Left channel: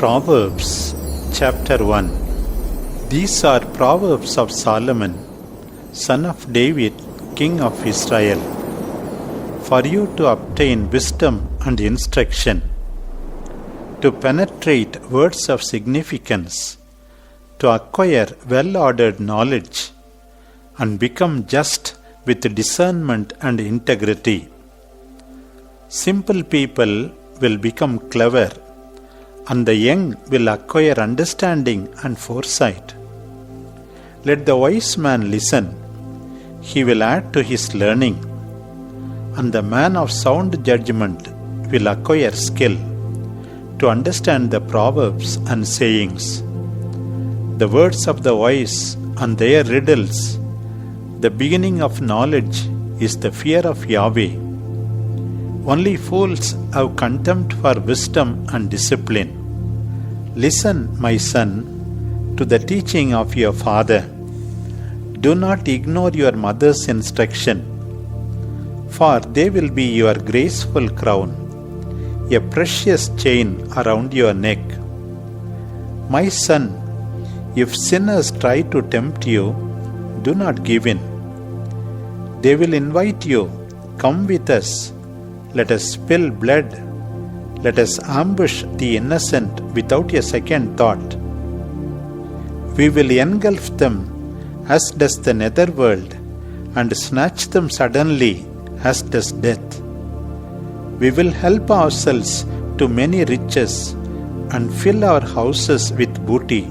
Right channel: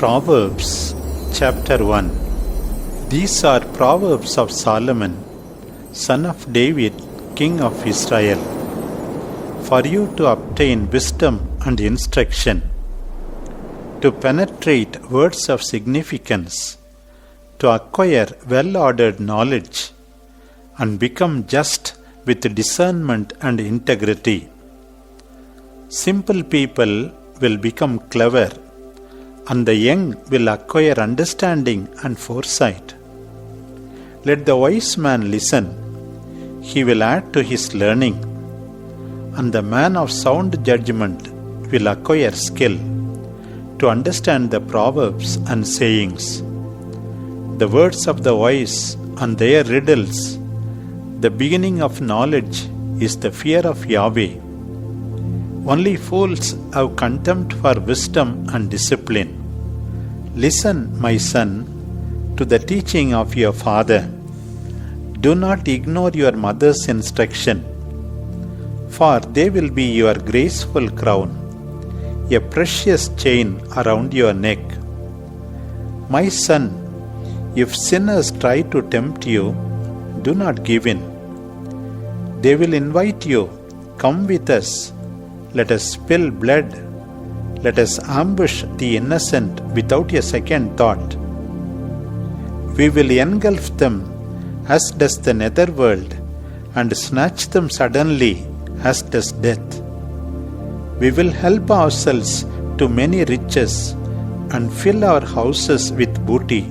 Proverbs chapter 1. These are Proverbs of Solomon, son of David, king of Israel, for you to obtain wisdom and instruction, to penetrate words of significance, to acquire well-ordered knowledge, and become just with discernment and integrity. Simple people will become clever, and the young will acquire understanding and foresight. Let the wise man listen, he will add to his learning, and the man of sound judgment will acquire skill to understand the proverbs and sayings. The words of the wise and their riddles, the beginning of knowledge is the fear of Yahweh. Only fools have contempt for wisdom and discipline. Listen, my son, to the teaching of your father. Do not ignore your mother's instruction, for they will be your graceful crown, a precious chain around your neck. My son, if sinners try to tempt you, do not give in. They will invite you, come with us. Let us spill blood. Let us ambush the innocent without a second thought. We will engulf them as does the netherworld, and snatch them suddenly as does death. We will help ourselves to many riches and fill our houses with booty.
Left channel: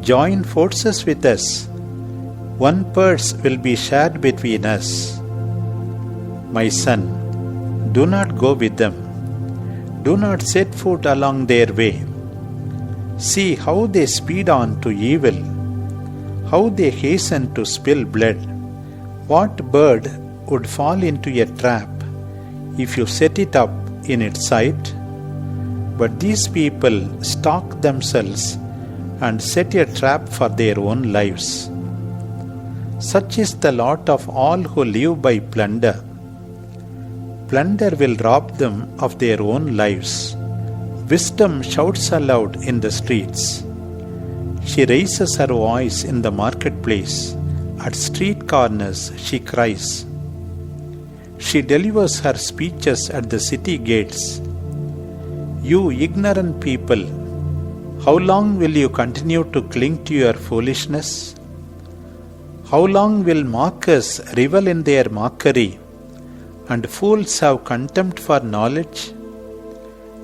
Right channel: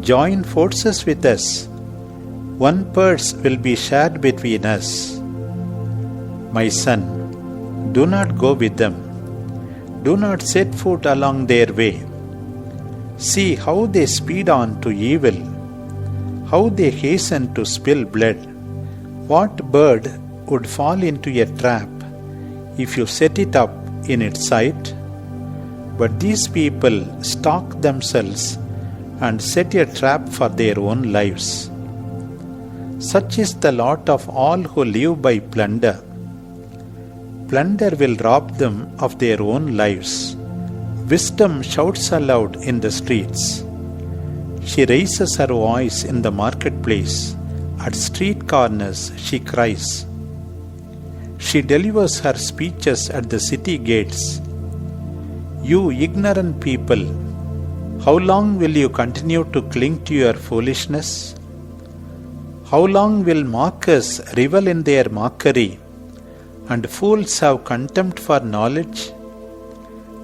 Join forces with us. One purse will be shared between us. My son, do not go with them. Do not set foot along their way. See how they speed on to evil, how they hasten to spill blood. What bird would fall into a trap if you set it up in its sight? But these people stalk themselves and set a trap for their own lives. Such is the lot of all who live by plunder. Plunder will rob them of their own lives. Wisdom shouts aloud in the streets. She raises her voice in the marketplace. At street corners she cries. She delivers her speeches at the city gates. You ignorant people, how long will you continue to cling to your foolishness? How long will mockers revel in their mockery, and fools have contempt for knowledge?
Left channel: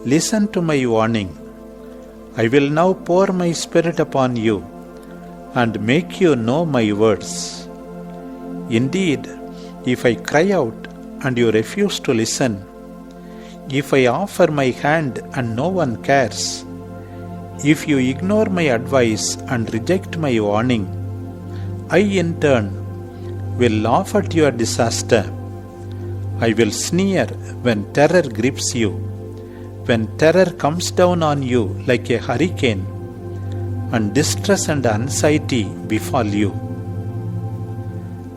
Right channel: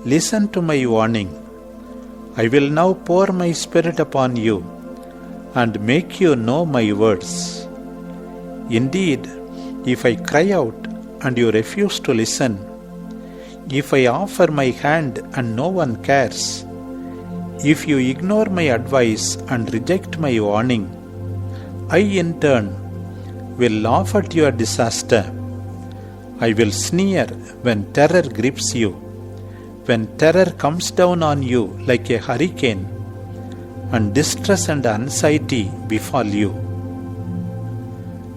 Listen to my warning. I will now pour my spirit upon you, and make you know my words. Indeed, if I cry out and you refuse to listen, if I offer my hand and no one cares, if you ignore my advice and reject my warning, I in turn will laugh at your disaster. I will sneer when terror grips you, when terror comes down on you like a hurricane, and distress and anxiety befall you.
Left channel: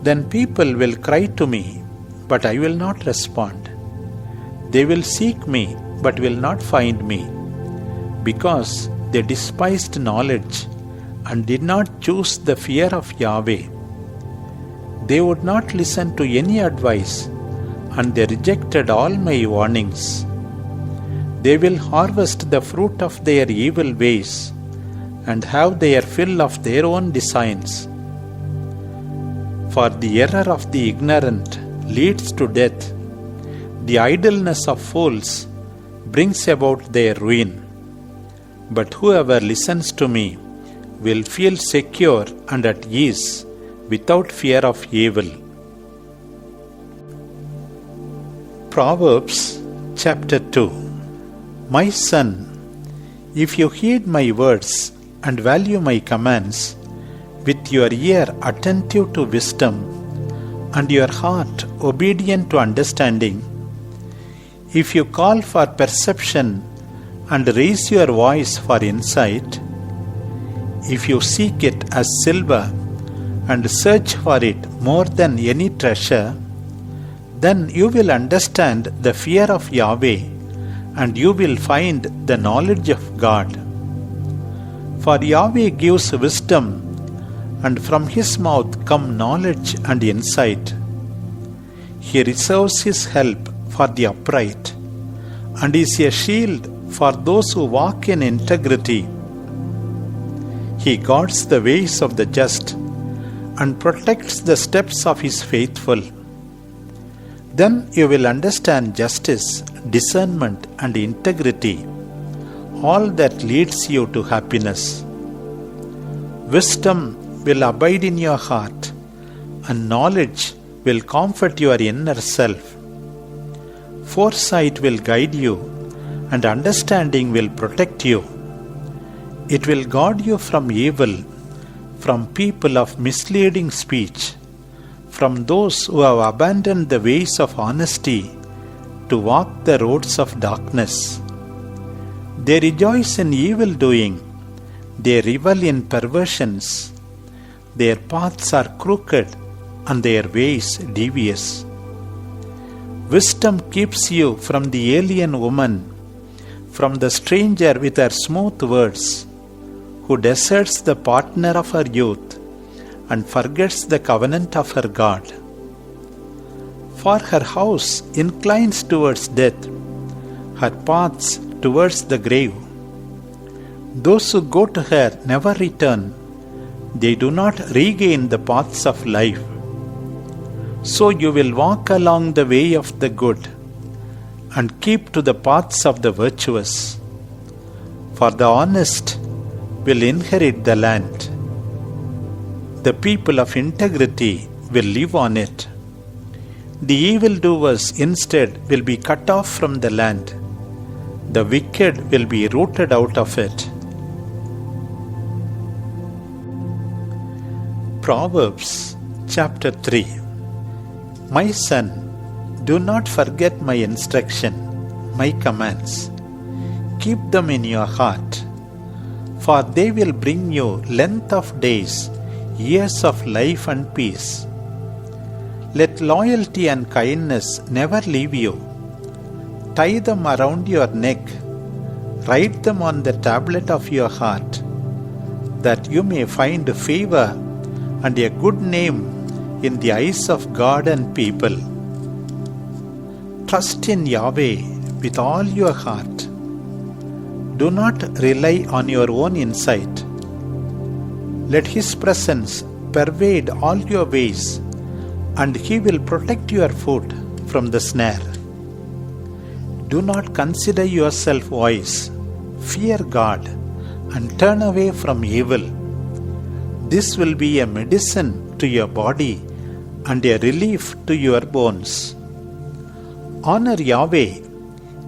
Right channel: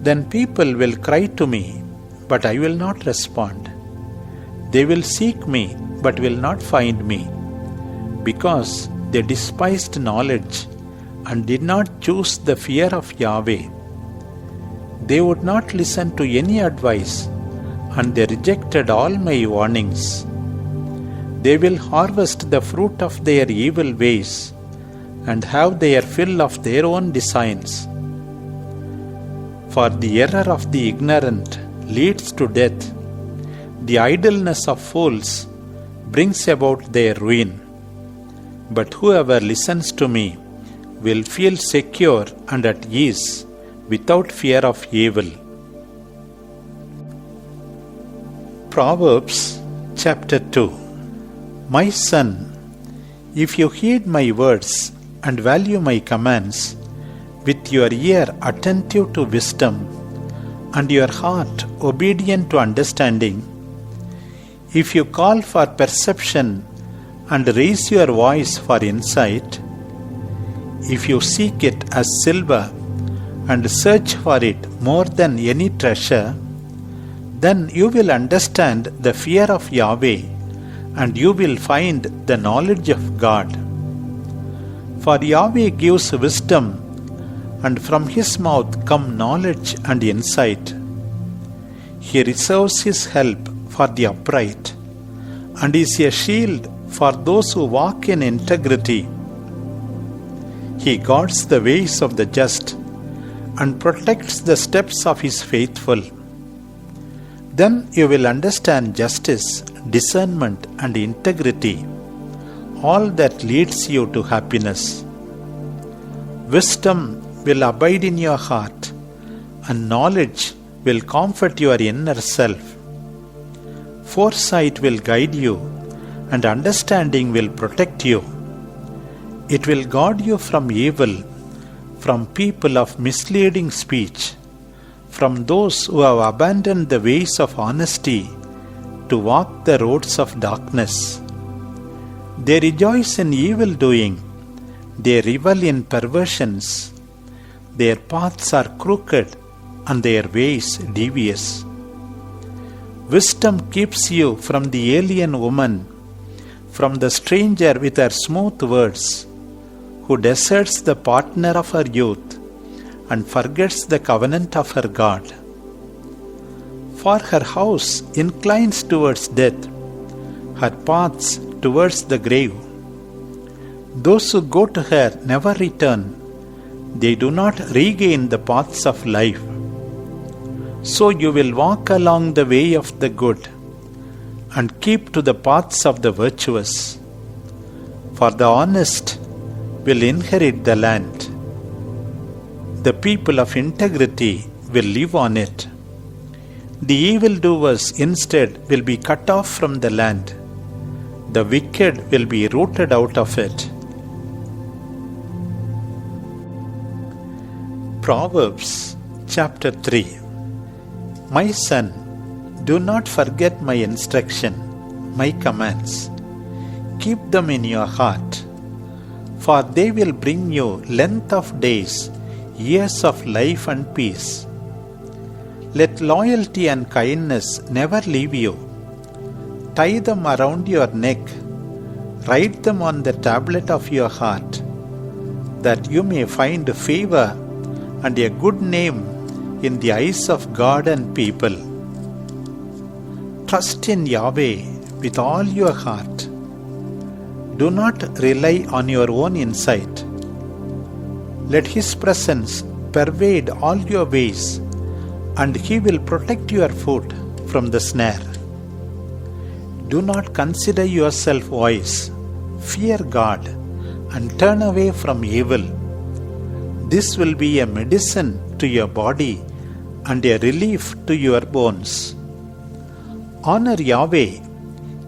Then people will cry to me, but I will not respond. They will seek me, but will not find me, because they despised knowledge and did not choose the fear of Yahweh. They would not listen to any advice, and they rejected all my warnings. They will harvest the fruit of their evil ways, and have their fill of their own designs. For the error of the ignorant leads to death. The idleness of fools brings about their ruin. But whoever listens to me will feel secure and at ease, without fear of evil. Proverbs chapter 2. My son, if you heed my words and value my commands, with your ear attentive to wisdom and your heart obedient to understanding, if you call for perception and raise your voice for insight, if you seek it as silver and search for it more than any treasure, then you will understand the fear of Yahweh, and you will find the knowledge of God. For Yahweh gives wisdom, and from his mouth come knowledge and insight. He reserves his help for the upright, and is a shield for those who walk in integrity. He guards the ways of the just, and protects the steps of his faithful. Then you will understand justice, discernment, and integrity, all that leads you to happiness. Wisdom will abide in your heart, and knowledge will comfort your inner self. Foresight will guide you, and understanding will protect you. It will guard you from evil, from people of misleading speech, from those who have abandoned the ways of honesty to walk the roads of darkness. They rejoice in evil doing, they revel in perversions. Their paths are crooked, and their ways devious. Wisdom keeps you from the alien woman, from the stranger with her smooth words, who deserts the partner of her youth and forgets the covenant of her God. For her house inclines towards death, her paths towards the grave. Those who go to her never return, they do not regain the paths of life. So you will walk along the way of the good, and keep to the paths of the virtuous. For the honest will inherit the land. The people of integrity will live on it. The evildoers instead will be cut off from the land. The wicked will be rooted out of it. Proverbs chapter 3. My son, do not forget my instruction, my commands. Keep them in your heart, for they will bring you length of days, years of life and peace. Let loyalty and kindness never leave you. Tie them around your neck, write them on the tablet of your heart, that you may find favor and a good name in the eyes of God and people. Trust in Yahweh with all your heart. Do not rely on your own insight. Let His presence pervade all your ways, and He will protect your foot from the snare. Do not consider yourself wise. Fear God and turn away from evil. This will be a medicine to your body and a relief to your bones. Honor Yahweh,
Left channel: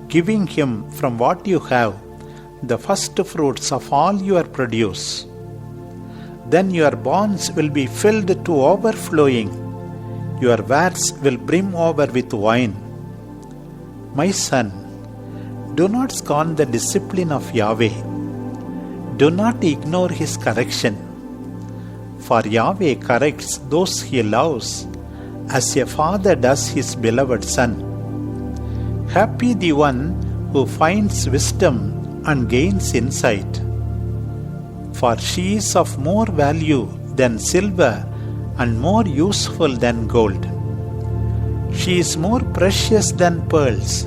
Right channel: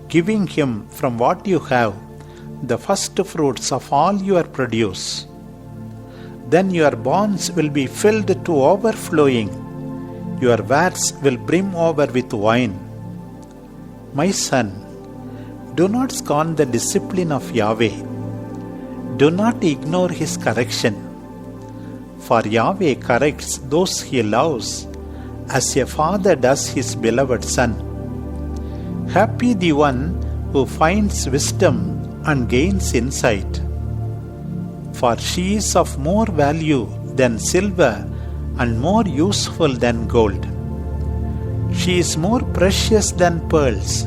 giving Him from what you have the first fruits of all your produce. Then your barns will be filled to overflowing, your vats will brim over with wine. My son, do not scorn the discipline of Yahweh. Do not ignore His correction. For Yahweh corrects those He loves, as a father does his beloved son. Happy the one who finds wisdom and gains insight, for she is of more value than silver and more useful than gold. She is more precious than pearls.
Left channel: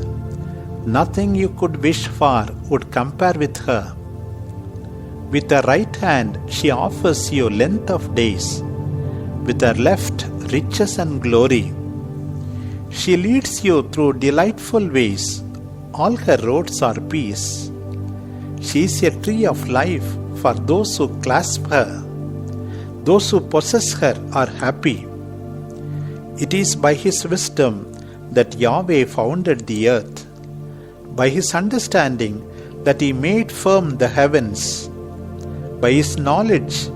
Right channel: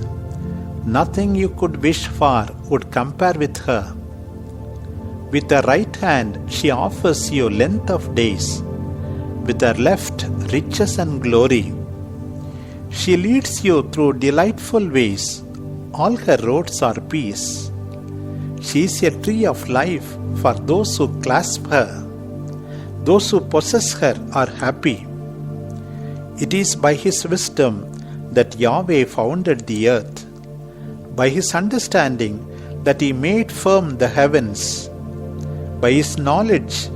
Nothing you could wish for would compare with her. With her right hand she offers you length of days, with her left riches and glory. She leads you through delightful ways, all her roads are peace. She is a tree of life for those who clasp her. Those who possess her are happy. It is by His wisdom that Yahweh founded the earth, by His understanding that He made firm the heavens. By His knowledge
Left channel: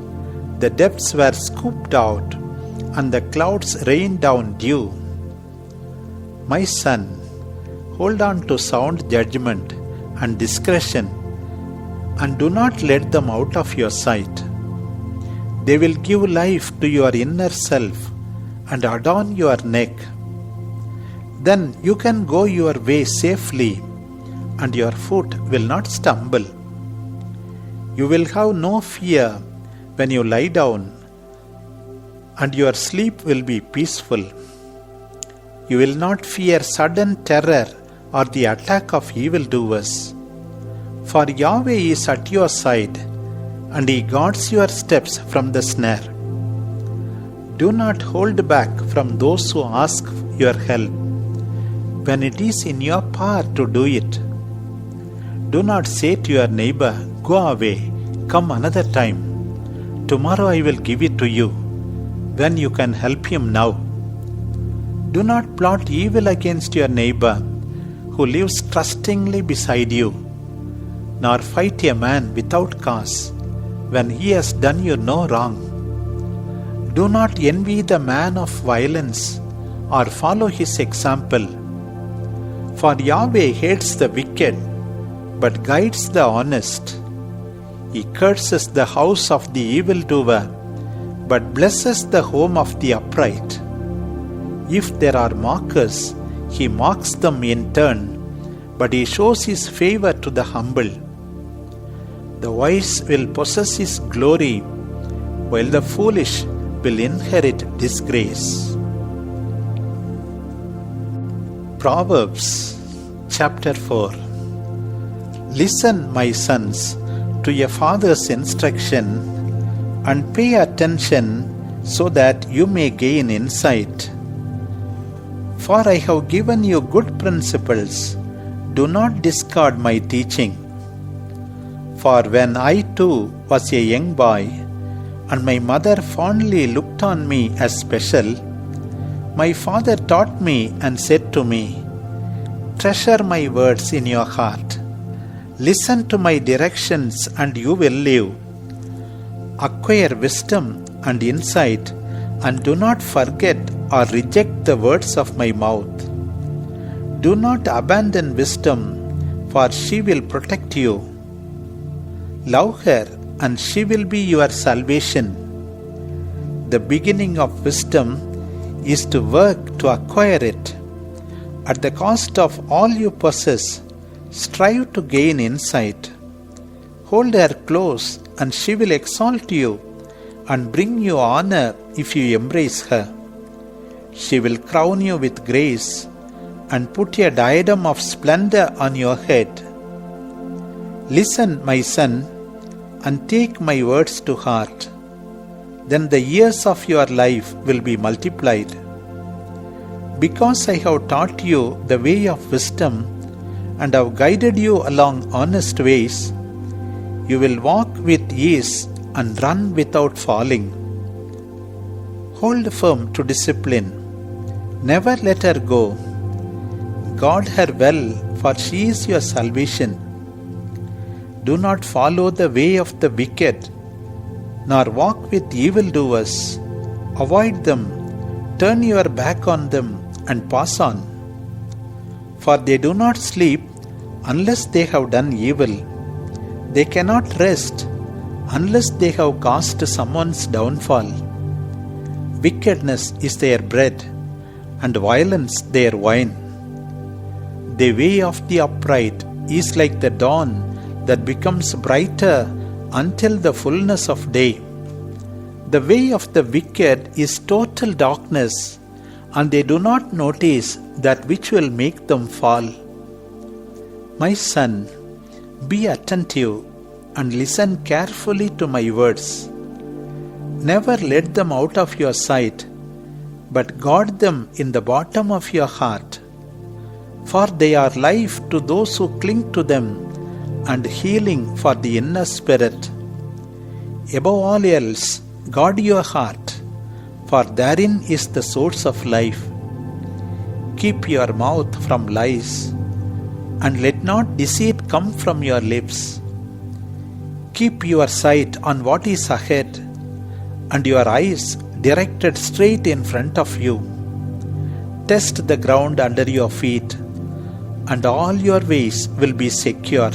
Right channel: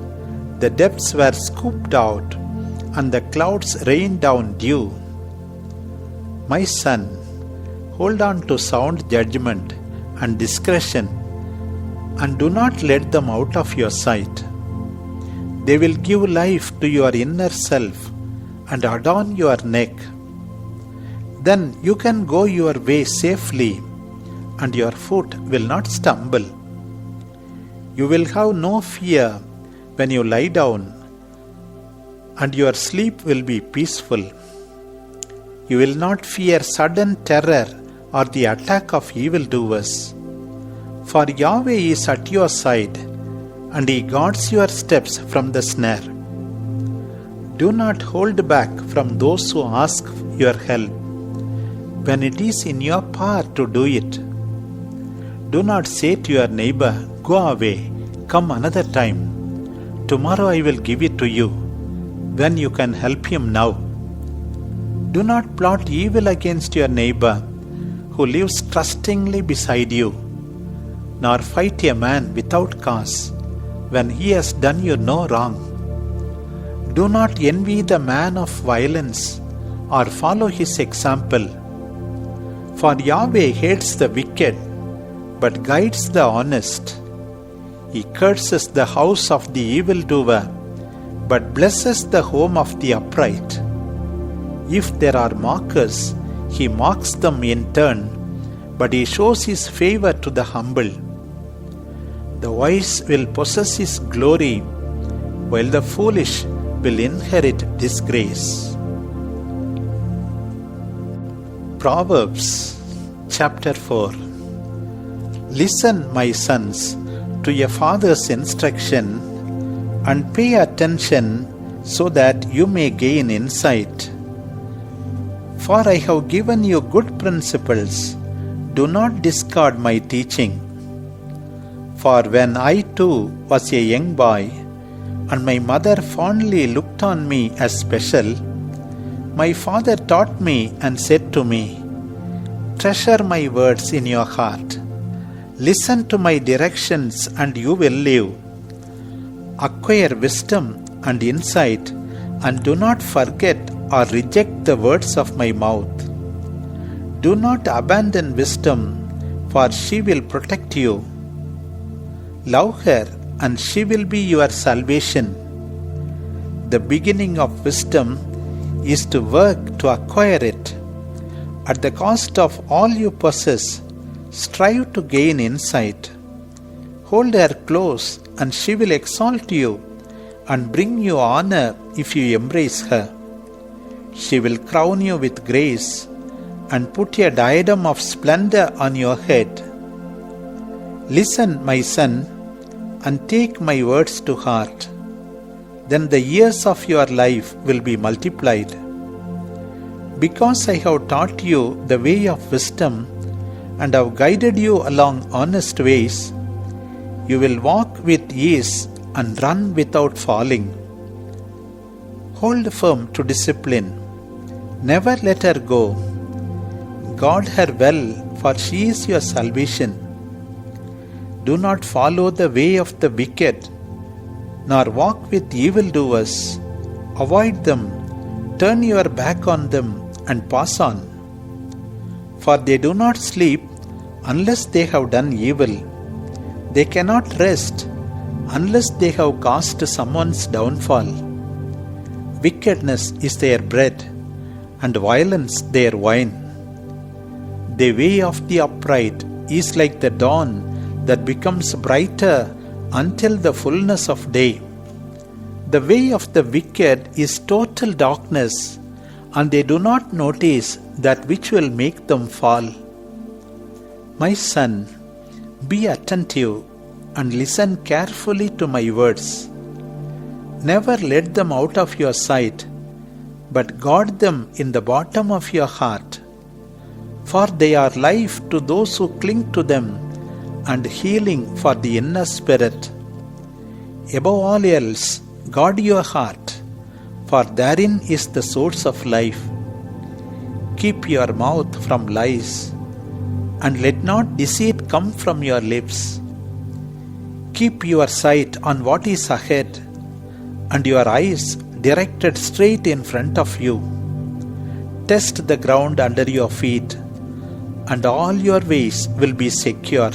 the depths were scooped out, and the clouds rained down dew. My son, hold on to sound judgment and discretion, and do not let them out of your sight. They will give life to your inner self and adorn your neck. Then you can go your way safely, and your foot will not stumble. You will have no fear when you lie down, and your sleep will be peaceful. You will not fear sudden terror or the attack of evildoers. For Yahweh is at your side, and He guards your steps from the snare. Do not hold back from those who ask your help, when it is in your power to do it. Do not say to your neighbor, "Go away, come another time. Tomorrow I will give it to you," when you can help him now. Do not plot evil against your neighbor who lives trustingly beside you, nor fight a man without cause when he has done you no wrong. Do not envy the man of violence or follow his example. For Yahweh hates the wicked, but guides the honest. He curses the house of the evildoer, but blesses the home of the upright. If there are mockers, He mocks them in turn, but He shows His favor to the humble. The wise will possess His glory, while the foolish will inherit disgrace. Proverbs chapter 4. Listen, my sons, to your father's instruction, and pay attention so that you may gain insight. For I have given you good principles. Do not discard my teaching. For when I too was a young boy, and my mother fondly looked on me as special, my father taught me and said to me, "Treasure my words in your heart. Listen to my directions and you will live. Acquire wisdom and insight, and do not forget or reject the words of my mouth. Do not abandon wisdom, for she will protect you. Love her, and she will be your salvation. The beginning of wisdom is to work to acquire it. At the cost of all you possess, strive to gain insight. Hold her close, and she will exalt you and bring you honor if you embrace her. She will crown you with grace and put a diadem of splendor on your head. Listen, my son, and take my words to heart. Then the years of your life will be multiplied. Because I have taught you the way of wisdom and have guided you along honest ways, you will walk with ease and run without falling. Hold firm to discipline. Never let her go. Guard her well, for she is your salvation. Do not follow the way of the wicked, nor walk with evildoers. Avoid them, turn your back on them, and pass on. For they do not sleep unless they have done evil. They cannot rest unless they have caused someone's downfall. Wickedness is their bread, and violence their wine. The way of the upright is like the dawn that becomes brighter until the fullness of day. The way of the wicked is total darkness, and they do not notice that which will make them fall. My son, be attentive and listen carefully to my words. Never let them out of your sight, but guard them in the bottom of your heart. For they are life to those who cling to them, and healing for the inner spirit. Above all else, guard your heart, for therein is the source of life. Keep your mouth from lies, and let not deceit come from your lips. Keep your sight on what is ahead, and your eyes directed straight in front of you. Test the ground under your feet, and all your ways will be secure.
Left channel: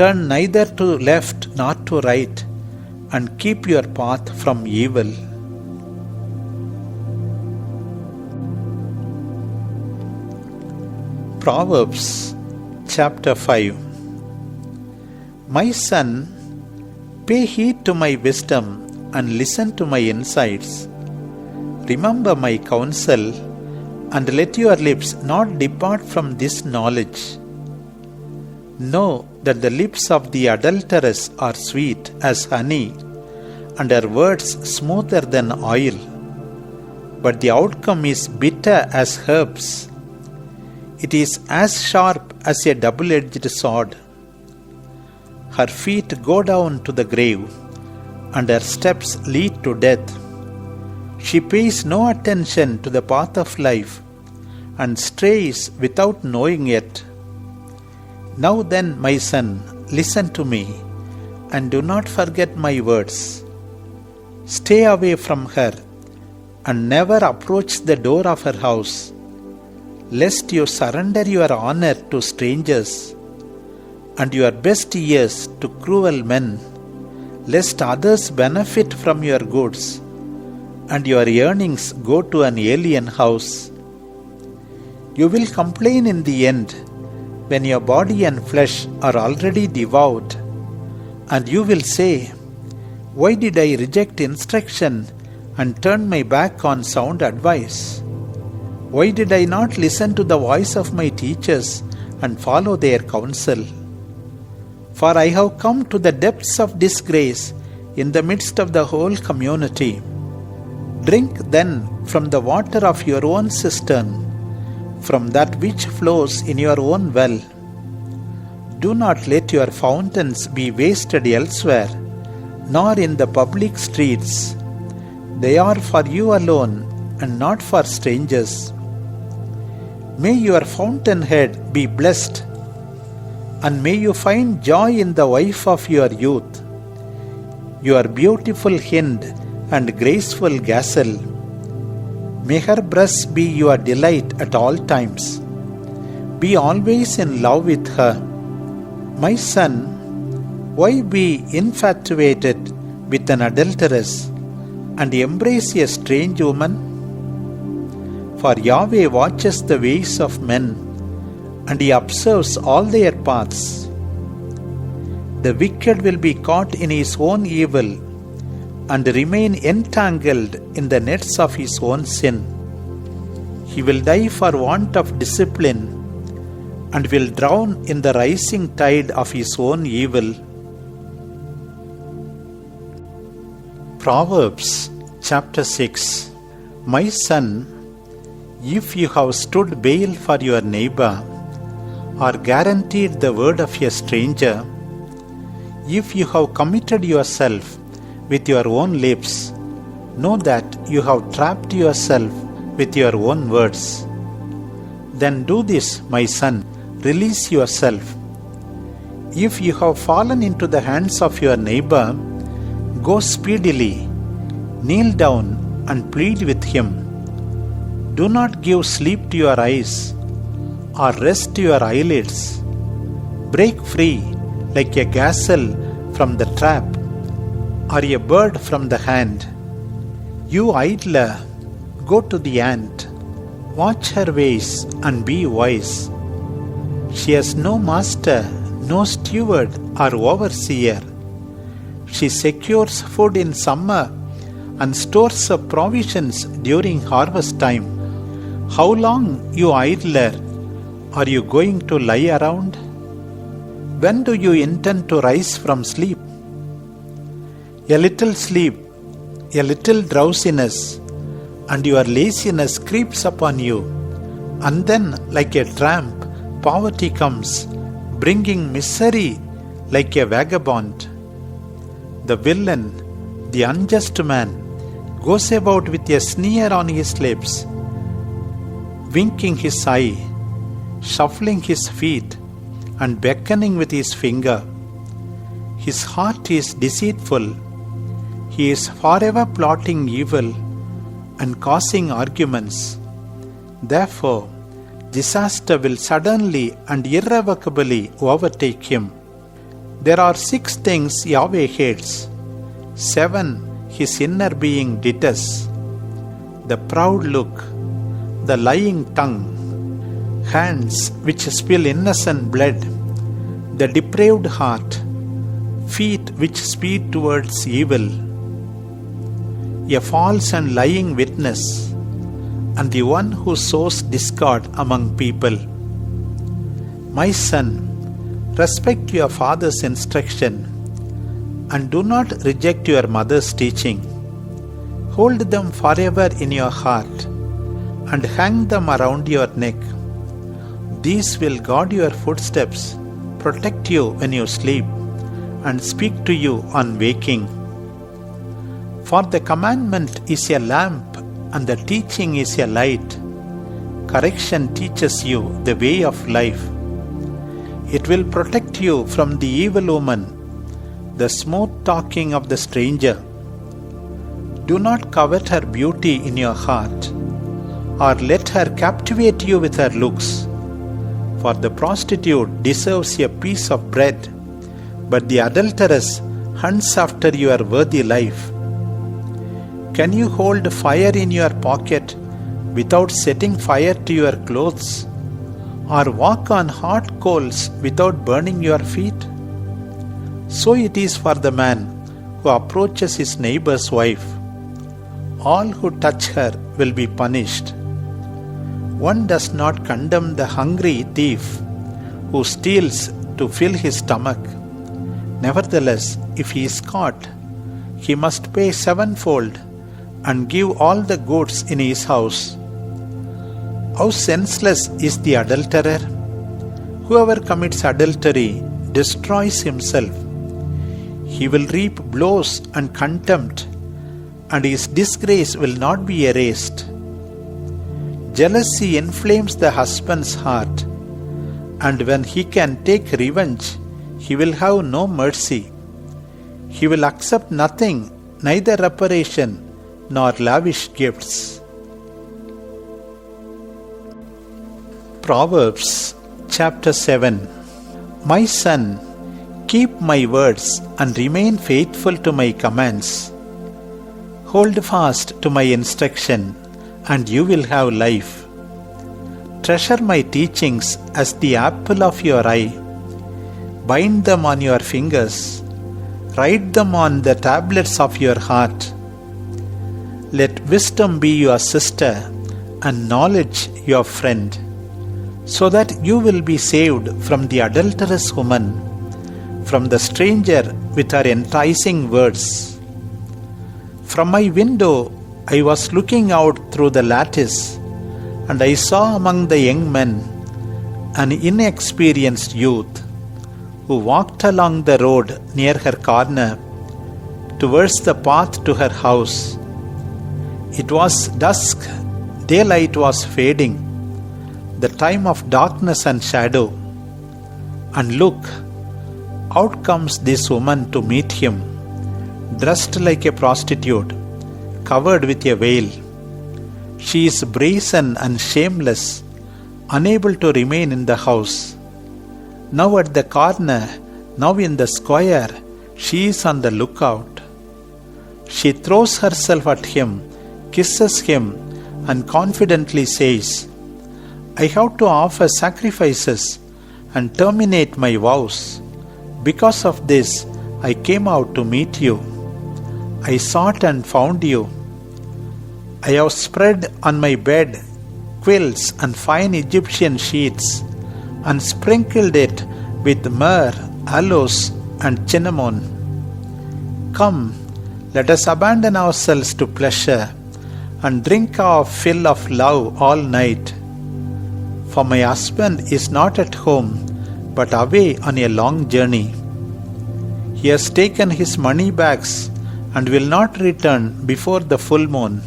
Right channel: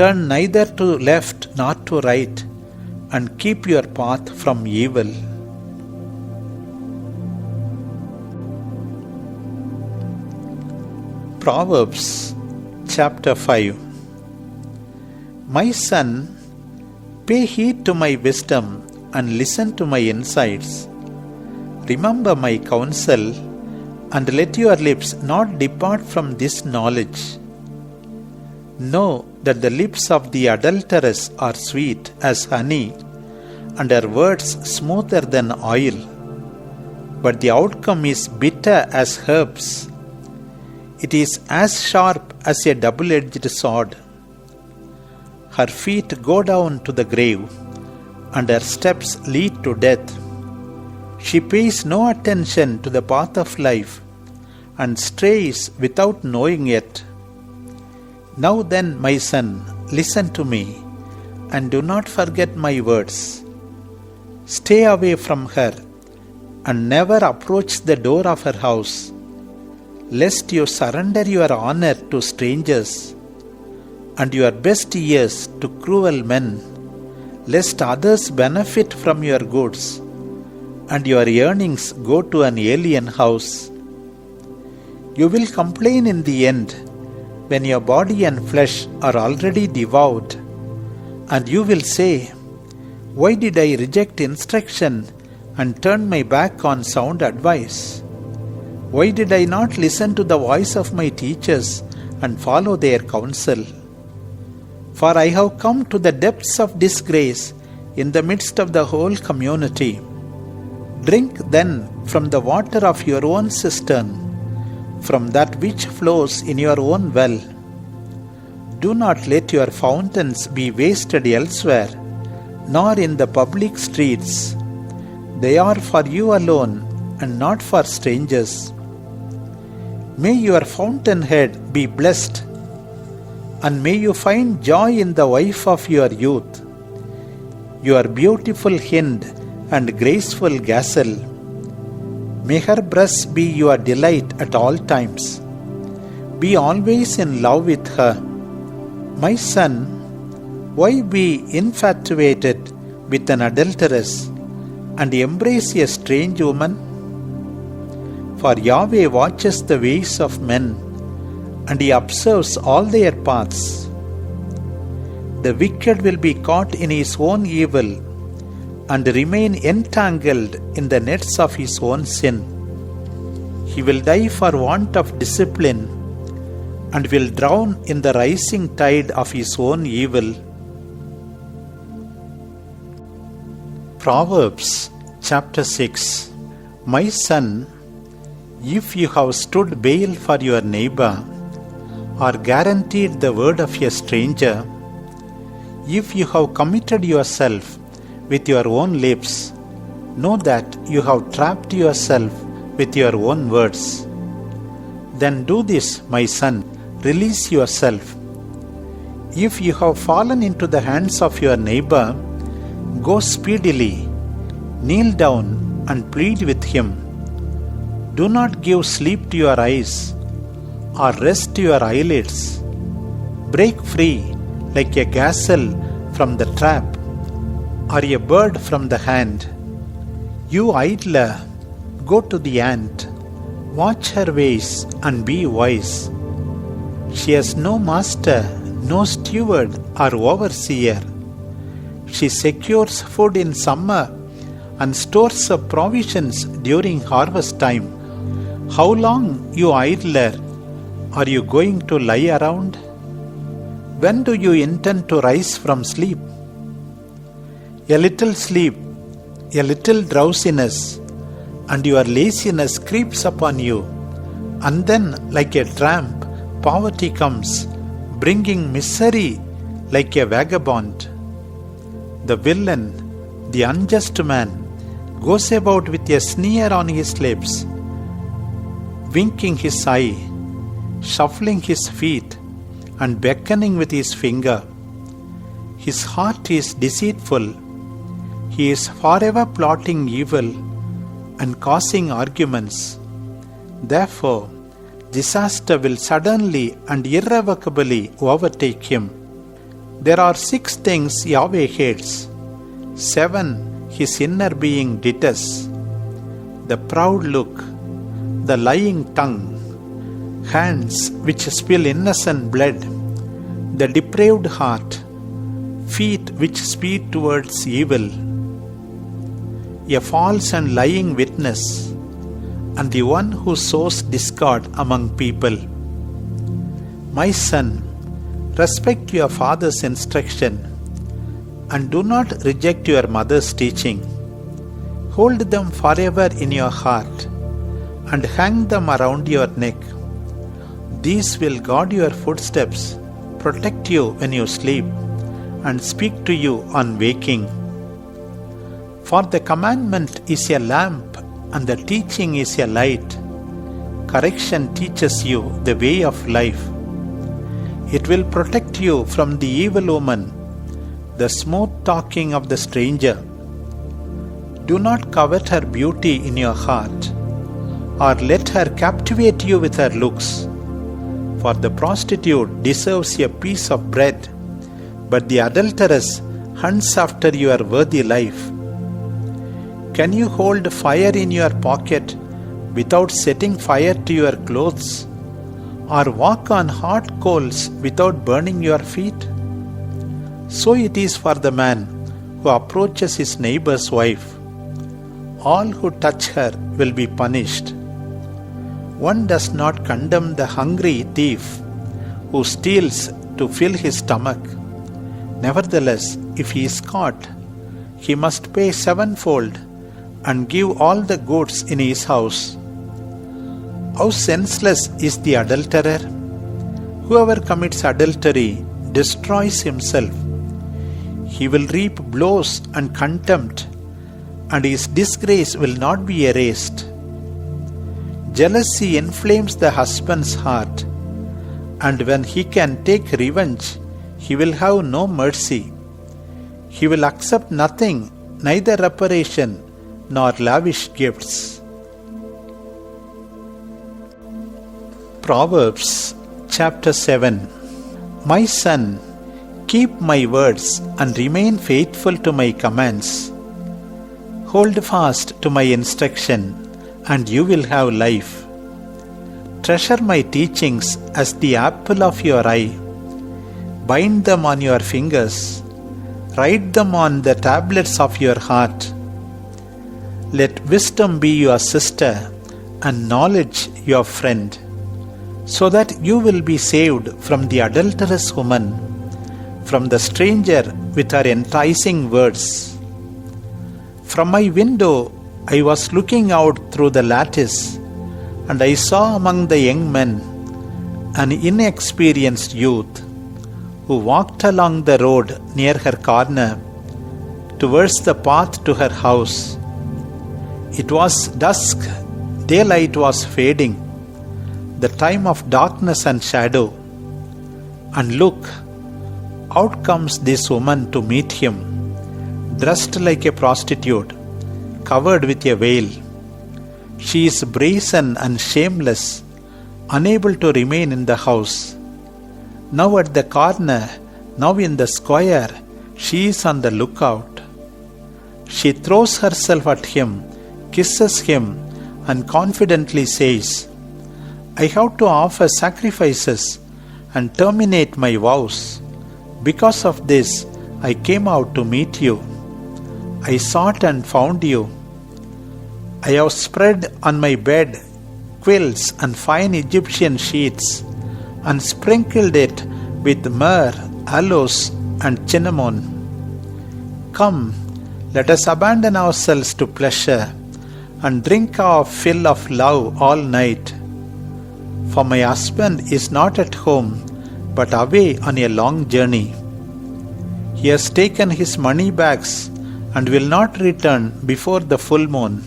Turn neither to left nor to right, and keep your path from evil. Proverbs chapter 5. My son, Pay heed to my wisdom and listen to my insights. Remember my counsel, and let your lips not depart from this knowledge. Know that the lips of the adulteress are sweet as honey, and her words smoother than oil. But the outcome is bitter as herbs. It is as sharp as a double-edged sword. Her feet go down to the grave, and her steps lead to death. She pays no attention to the path of life, and strays without knowing it. Now then, my son, listen to me, and do not forget my words. Stay away from her, and never approach the door of her house, lest you surrender your honor to strangers, and your best years to cruel men, lest others benefit from your goods, and your earnings go to an alien house. You will complain in the end, when your body and flesh are already devoured, and you will say, "Why did I reject instruction and turn my back on sound advice? Why did I not listen to the voice of my teachers and follow their counsel? For I have come to the depths of disgrace in the midst of the whole community. Drink then from the water of your own cistern, from that which flows in your own well. Do not let your fountains be wasted elsewhere, nor in the public streets. They are for you alone and not for strangers. May your fountainhead be blessed, and may you find joy in the wife of your youth, your beautiful hind and graceful gazelle. May her breasts be your delight at all times. Be always in love with her. My son, why be infatuated with an adulteress and embrace a strange woman? For Yahweh watches the ways of men, and He observes all their paths. The wicked will be caught in his own evil, and remain entangled in the nets of his own sin. He will die for want of discipline, and will drown in the rising tide of his own evil. Proverbs chapter 6. My son, if you have stood bail for your neighbor, or guaranteed the word of a stranger, if you have committed yourself with your own lips, know that you have trapped yourself with your own words. Then do this, my son, release yourself. If you have fallen into the hands of your neighbor, go speedily, kneel down and plead with him. Do not give sleep to your eyes, or rest to your eyelids. Break free like a gazelle from the trap, or a bird from the hand. You idler, go to the ant, watch her ways and be wise. She has no master, no steward or overseer. She secures food in summer and stores up provisions during harvest time. How long, you idler, are you going to lie around? When do you intend to rise from sleep? A little sleep, a little drowsiness, and your laziness creeps upon you. And then, like a tramp, poverty comes, bringing misery like a vagabond. The villain, the unjust man, goes about with a sneer on his lips, winking his eye, shuffling his feet, and beckoning with his finger. His heart is deceitful. He is forever plotting evil and causing arguments. Therefore, disaster will suddenly and irrevocably overtake him. There are 6 things Yahweh hates, 7 his inner being detests: the proud look, the lying tongue, hands which spill innocent blood, the depraved heart, feet which speed towards evil, a false and lying witness, and the one who sows discord among people. My son, respect your father's instruction, and do not reject your mother's teaching. Hold them forever in your heart, and hang them around your neck. These will guard your footsteps, protect you when you sleep, and speak to you on waking. For the commandment is a lamp, and the teaching is a light. Correction teaches you the way of life. It will protect you from the evil woman, the smooth talking of the stranger. Do not covet her beauty in your heart, or let her captivate you with her looks. For the prostitute deserves a piece of bread, but the adulteress hunts after your worthy life. Can you hold fire in your pocket without setting fire to your clothes, or walk on hot coals without burning your feet? So it is for the man who approaches his neighbor's wife. All who touch her will be punished. One does not condemn the hungry thief who steals to fill his stomach. Nevertheless, if he is caught, he must pay sevenfold and give all the goods in his house. How senseless is the adulterer! Whoever commits adultery destroys himself. He will reap blows and contempt, and his disgrace will not be erased. Jealousy inflames the husband's heart, and when he can take revenge, he will have no mercy. He will accept nothing, neither reparation nor lavish gifts. Proverbs chapter 7. My son, keep my words and remain faithful to my commands. Hold fast to my instruction, and you will have life. Treasure my teachings as the apple of your eye. Bind them on your fingers. Write them on the tablets of your heart. Let wisdom be your sister, and knowledge your friend, so that you will be saved from the adulterous woman, from the stranger with her enticing words. From my window I was looking out through the lattice, and I saw among the young men an inexperienced youth who walked along the road near her corner towards the path to her house. It was dusk, daylight was fading, the time of darkness and shadow. And look, out comes this woman to meet him, dressed like a prostitute, covered with a veil. She is brazen and shameless, unable to remain in the house. Now at the corner, now in the square, she is on the lookout. She throws herself at him, kisses him, and confidently says, I have to offer sacrifices and terminate my vows. Because of this, I came out to meet you. I sought and found you. I have spread on my bed quilts and fine Egyptian sheets, and sprinkled it with myrrh, aloes, and cinnamon. Come, let us abandon ourselves to pleasure, and drink our fill of love all night. For my husband is not at home, but away on a long journey. He has taken his money bags and will not return before the full moon.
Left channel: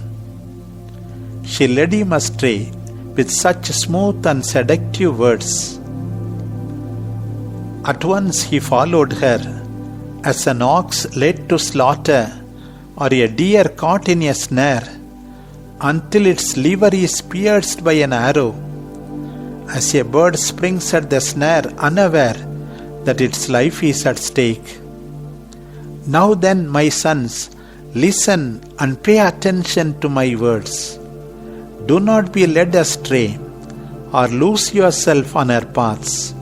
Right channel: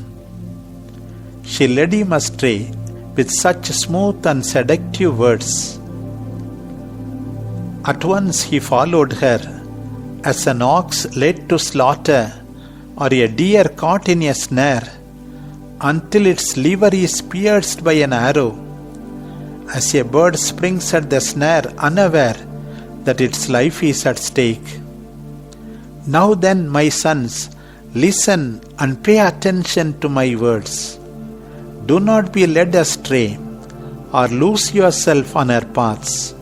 She led him astray with such smooth and seductive words. At once he followed her, as an ox led to slaughter, or a deer caught in a snare, until its liver is pierced by an arrow, as a bird springs at the snare unaware that its life is at stake. Now then, my sons, listen and pay attention to my words. Do not be led astray, or lose yourself on her paths,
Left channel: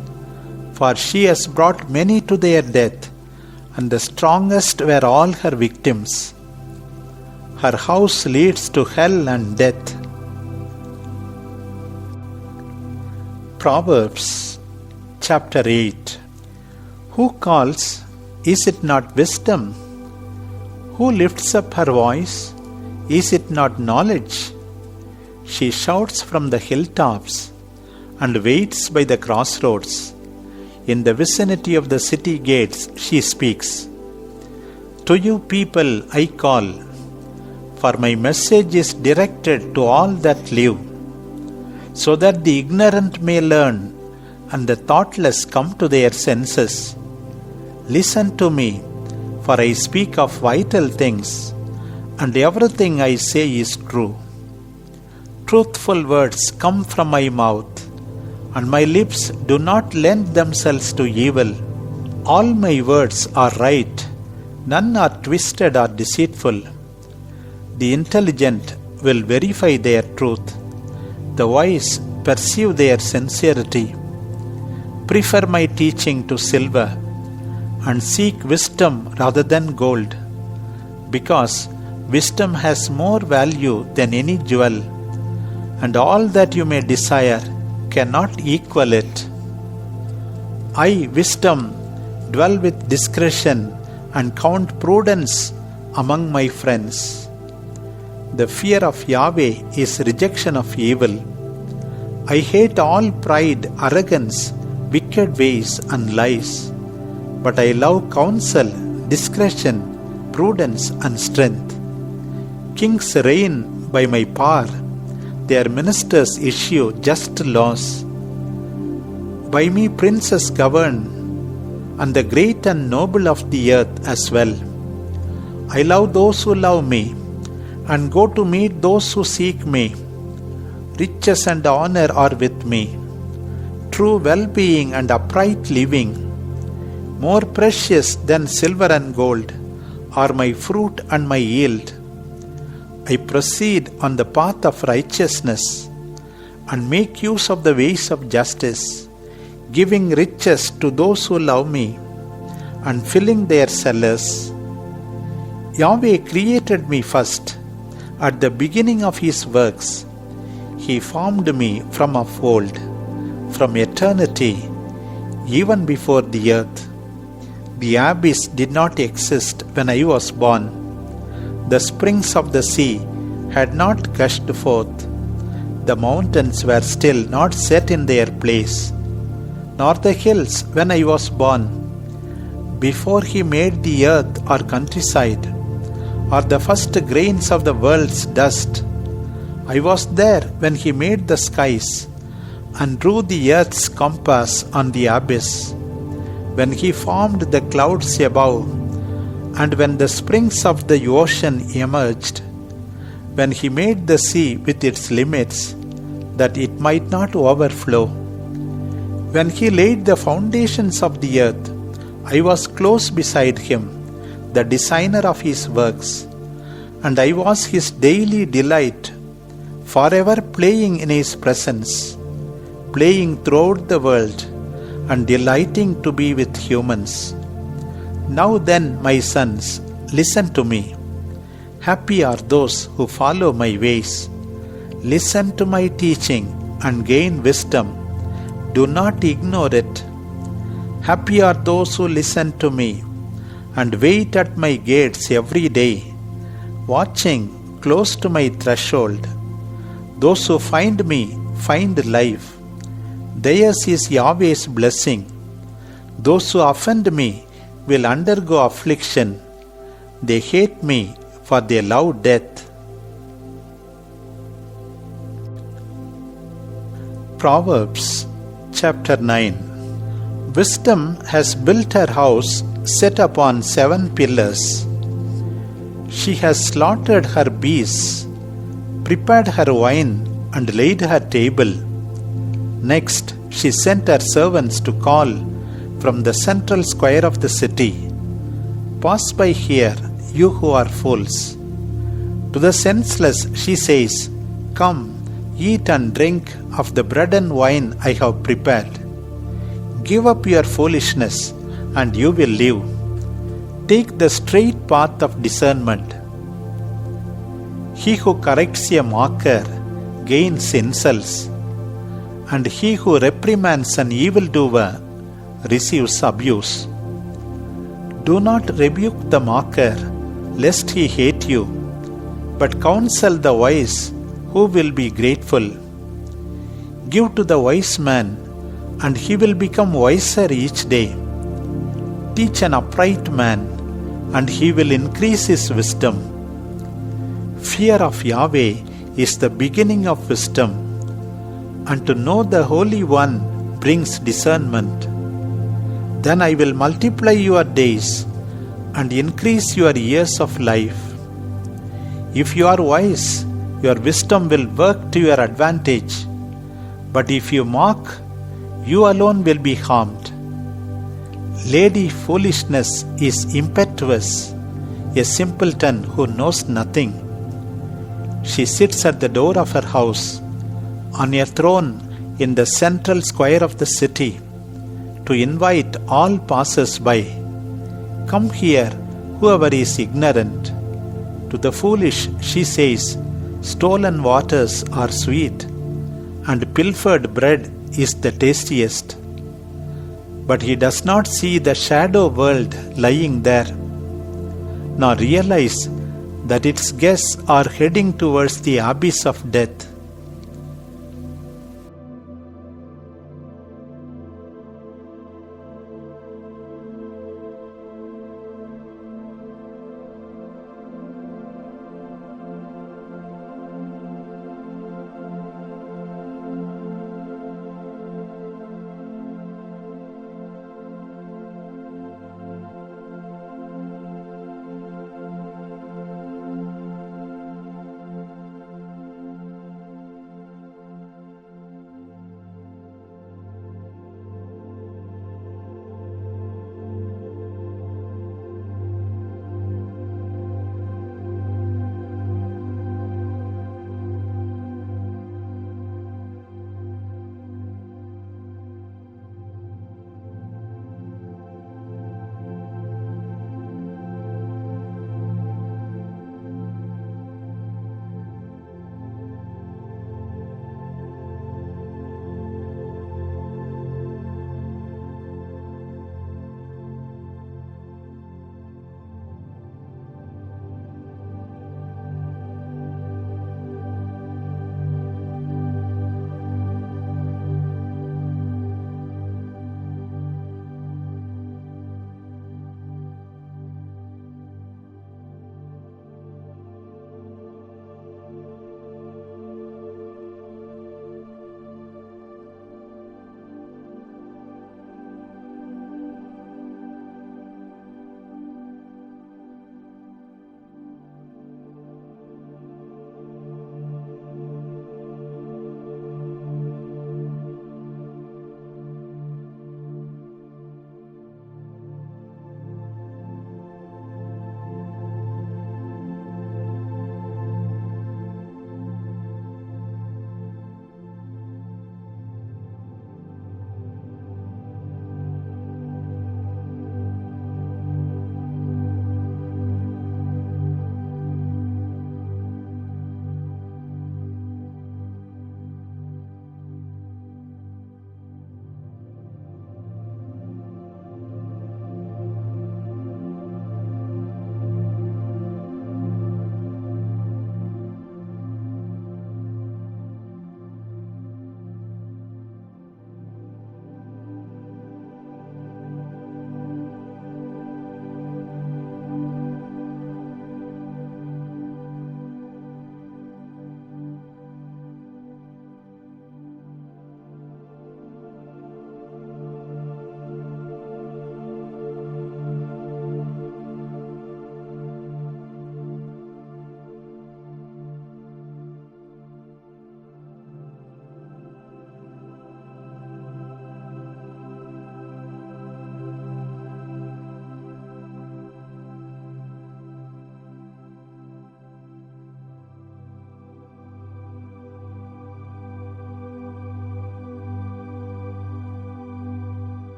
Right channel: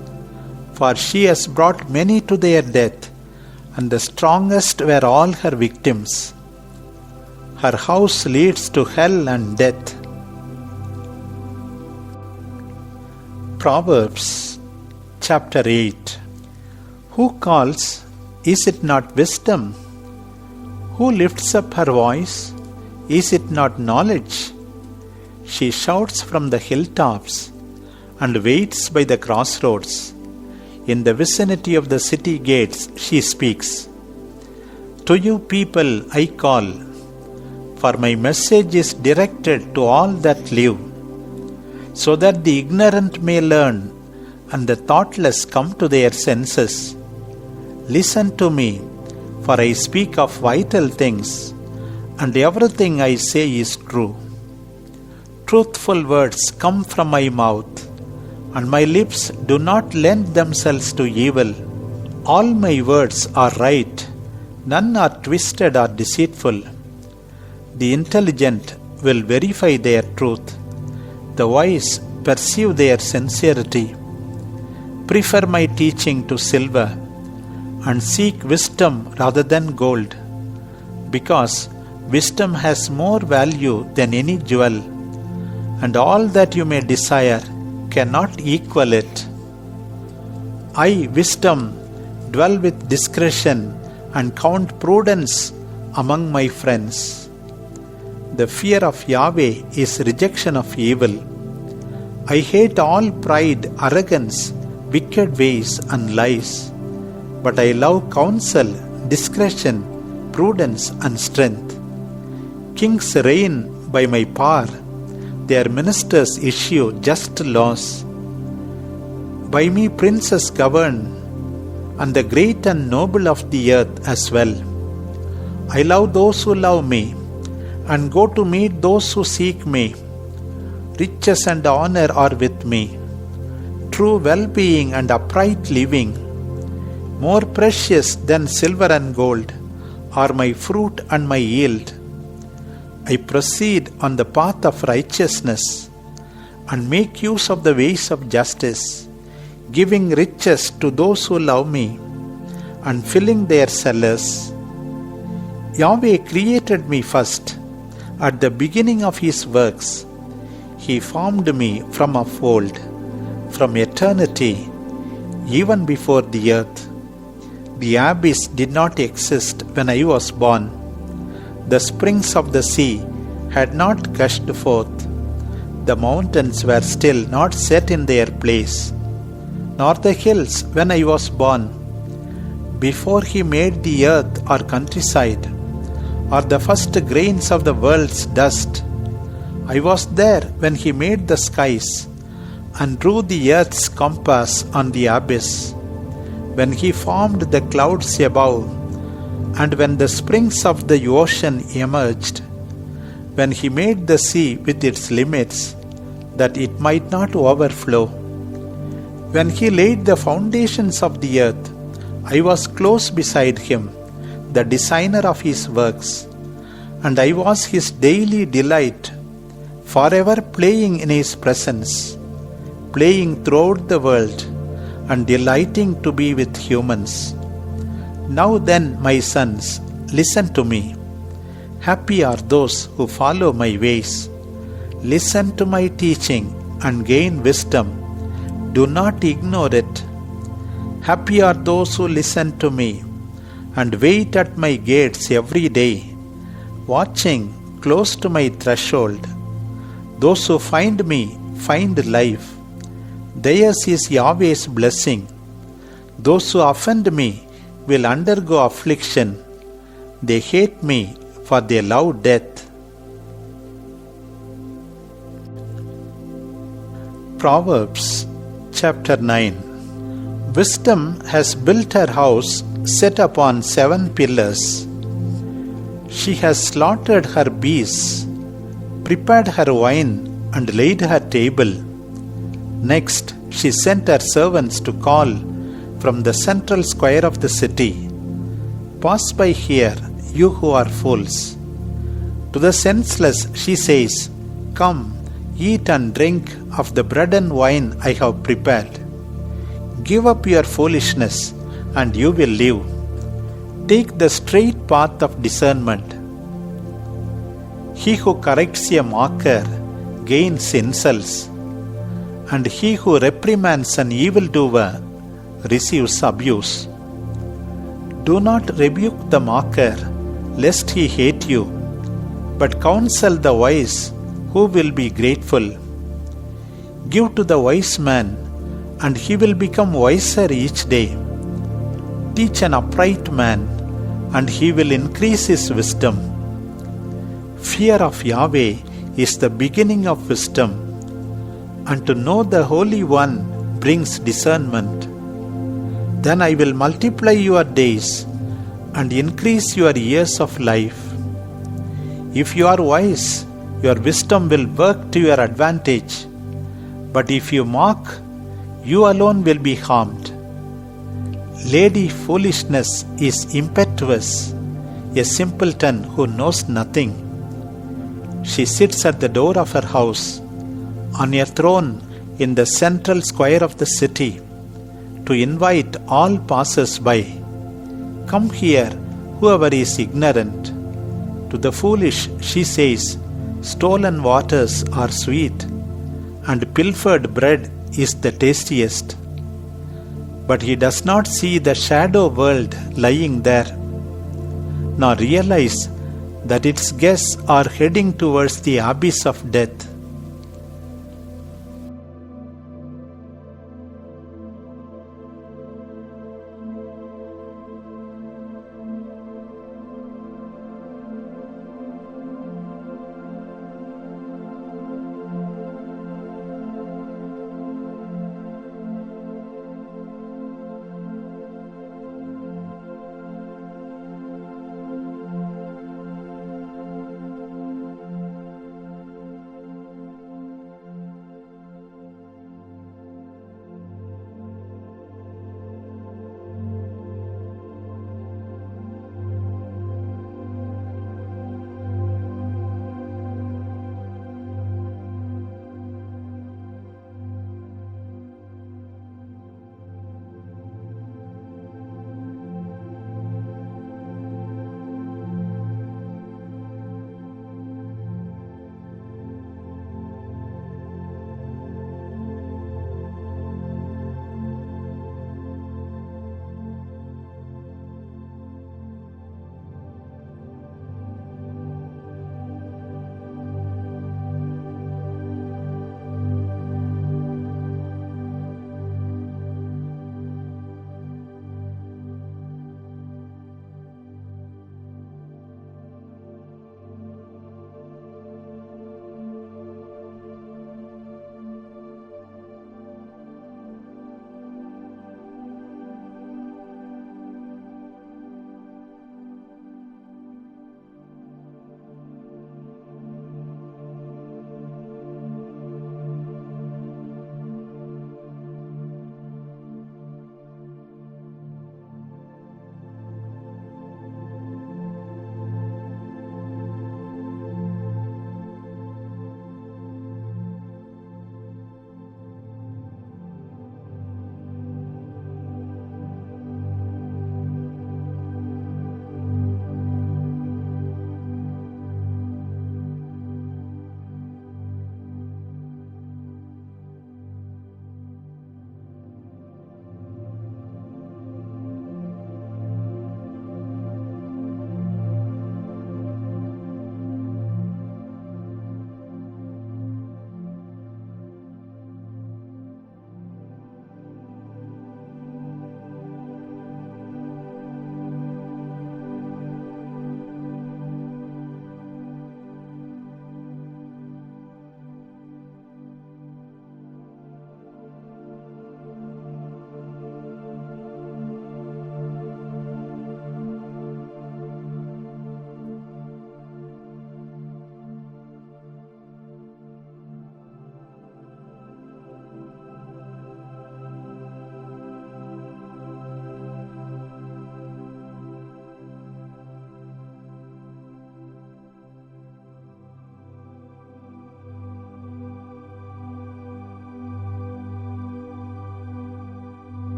for she has brought many to their death, and the strongest were all her victims. Her house leads to hell and death. Proverbs chapter 8. Who calls? Is it not wisdom? Who lifts up her voice? Is it not knowledge? She shouts from the hilltops and waits by the crossroads. In the vicinity of the city gates she speaks. To you people I call, for my message is directed to all that live, so that the ignorant may learn and the thoughtless come to their senses. Listen to me, for I speak of vital things, and everything I say is true. Truthful words come from my mouth, and my lips do not lend themselves to evil. All my words are right, none are twisted or deceitful. The intelligent will verify their truth, the wise perceive their sincerity. Prefer my teaching to silver, and seek wisdom rather than gold, because wisdom has more value than any jewel, and all that you may desire cannot equal it. I, wisdom, dwell with discretion and count prudence among my friends. The fear of Yahweh is rejection of evil. I hate all pride, arrogance, wicked ways and lies, but I love counsel, discretion, prudence and strength. Kings reign by my power, their ministers issue just laws. By me princes govern, and the great and noble of the earth as well. I love those who love me, and go to meet those who seek me. Riches and honor are with me, true well-being and upright living. More precious than silver and gold are my fruit and my yield. I proceed on the path of righteousness and make use of the ways of justice, giving riches to those who love me and filling their cellars. Yahweh created me first at the beginning of His works. He formed me from of old, from eternity, even before the earth. The abyss did not exist when I was born. The springs of the sea had not gushed forth. The mountains were still not set in their place, nor the hills when I was born. Before He made the earth or countryside, or the first grains of the world's dust, I was there when He made the skies and drew the earth's compass on the abyss, when He formed the clouds above, and when the springs of the ocean emerged, when He made the sea with its limits, that it might not overflow. When He laid the foundations of the earth, I was close beside Him, the designer of His works, and I was His daily delight, forever playing in His presence, playing throughout the world, and delighting to be with humans. Now then, my sons, listen to me. Happy are those who follow my ways. Listen to my teaching and gain wisdom. Do not ignore it. Happy are those who listen to me and wait at my gates every day, watching close to my threshold. Those who find me find life. Theirs is Yahweh's blessing. Those who offend me will undergo affliction. They hate me, for they love death. Proverbs chapter 9. Wisdom has built her house set upon 7 pillars. She has slaughtered her beasts, prepared her wine, and laid her table. Next, she sent her servants to call from the central square of the city. Pass by here, you who are fools. To the senseless she says, Come, eat and drink of the bread and wine I have prepared. Give up your foolishness, and you will live. take the straight path of discernment. He who corrects a mocker gains insults, and he who reprimands an evildoer receives abuse. Do not rebuke the mocker, lest he hate you, but counsel the wise, who will be grateful. Give to the wise man, and he will become wiser each day. Teach an upright man, and he will increase his wisdom. Fear of Yahweh is the beginning of wisdom, and to know the Holy One brings discernment. Then I will multiply your days and increase your years of life. If you are wise, your wisdom will work to your advantage. But if you mock, you alone will be harmed. Lady foolishness is impetuous, a simpleton who knows nothing. She sits at the door of her house, on a throne in the central square of the city, to invite all passers-by. Come here, whoever is ignorant. To the foolish she says, stolen waters are sweet, and pilfered bread is the tastiest. But he does not see the shadow world lying there, nor realize that its guests are heading towards the abyss of death.